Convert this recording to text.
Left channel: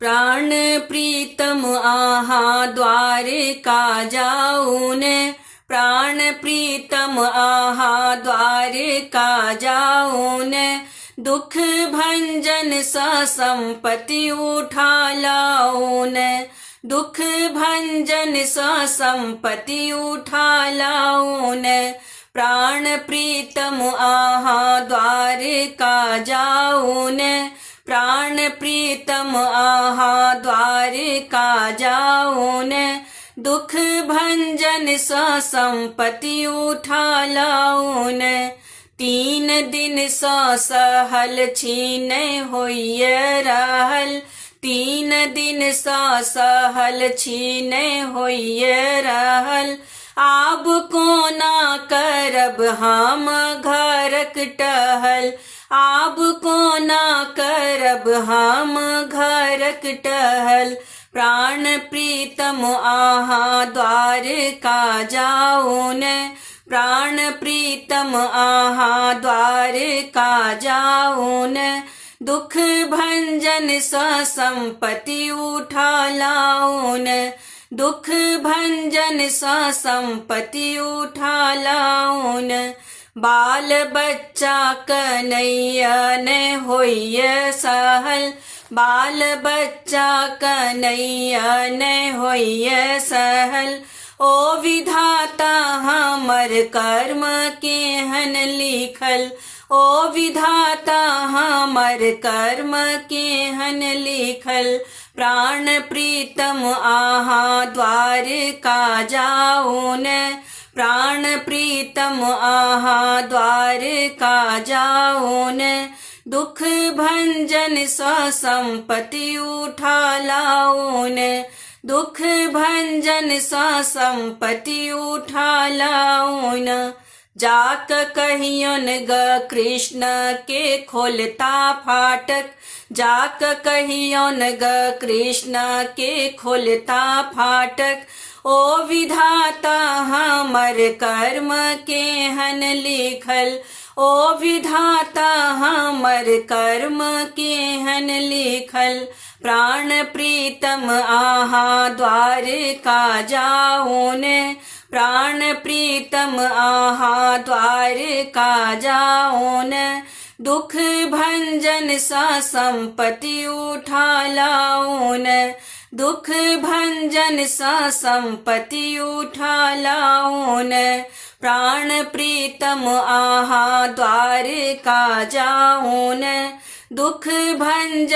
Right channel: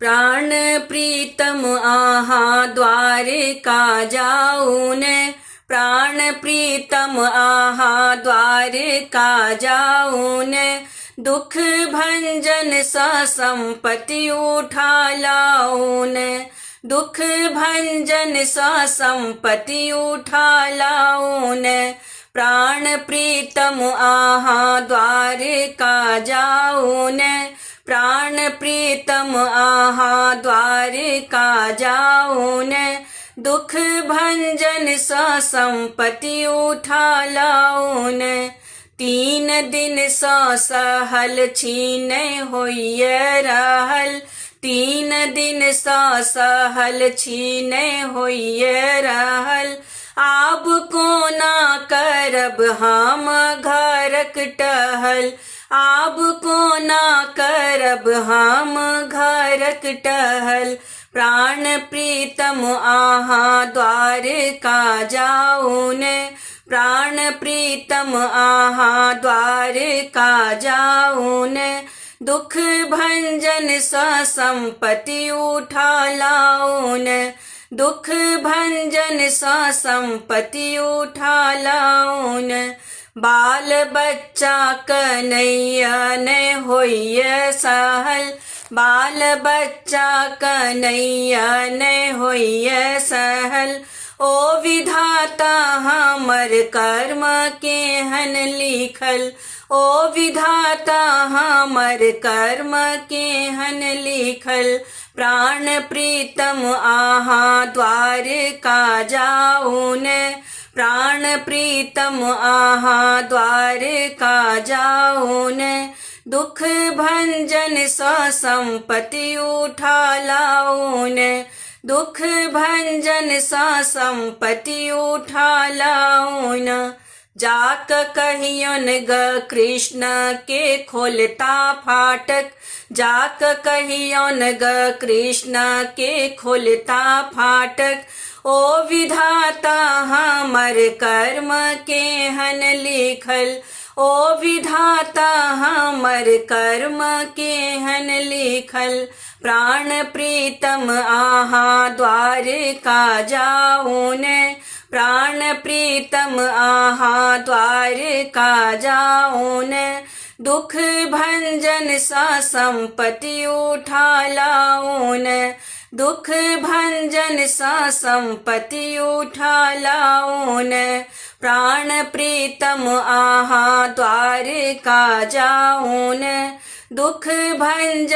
प्राण प्रीतम आहा द्वारिका जाऊन, प्राण प्रीतम आहा द्वारिका जाऊन, दुख भंजन सा संपत्ति उठा लाऊन, दुख भंजन सा संपत्ति उठा लाऊन, प्राण प्रीतम आहा द्वारिका जाऊन, प्राण प्रीतम आहा द्वारिका जाऊन, दुख भंजन सा संपत्ति उठा लाऊन, 3 दिन सा सहल छीन होइए रहल, 3 दिन सा सहल छीन होइए रहल, आब कोना करब हम घरक टहल, आब कोना करब हम घरक टहल, प्राण प्रीतम आहा द्वारिका जाऊन, प्राण प्रीतम आहा द्वारिका जाऊन, दुख भंजन सा संपत्ति उठा लाऊन, दुख भंजन सा संपत्ति उठा लाऊन, बाल बच्चा कन्हैया ने होइए सहल, बाल बच्चा कन्हैया ने होइए सहल, ओ विधाता हमर कर्म केहन लिखल, ओ विधाता हमर कर्म केहन लिखल, प्राण प्रीतम आहा द्वारिका जाऊन, प्राण प्रीतम आहा द्वारिका जाऊन, दुख भंजन सा संपत्ति उठा लाऊन, दुख भंजन सा संपत्ति उठा लाऊन, जाक कहियन ग कृष्ण के खोलता फाटक, जाक कहियन ग कृष्ण के खोलता फाटक, ओ विधाता हमर कर्म केहन लिखल, ओ विधाता हमर कर्म केहन लिखल, प्राण प्रीतम आहा द्वारिका जाऊन, प्राण प्रीतम आहा द्वारिका जाऊन, दुख भंजन सा संपत्ति उठा लाऊन, दुख भंजन सा संपत्ति उठा लाऊन, प्राण प्रीतम आहा द्वारिका जाऊन, दुख भंजन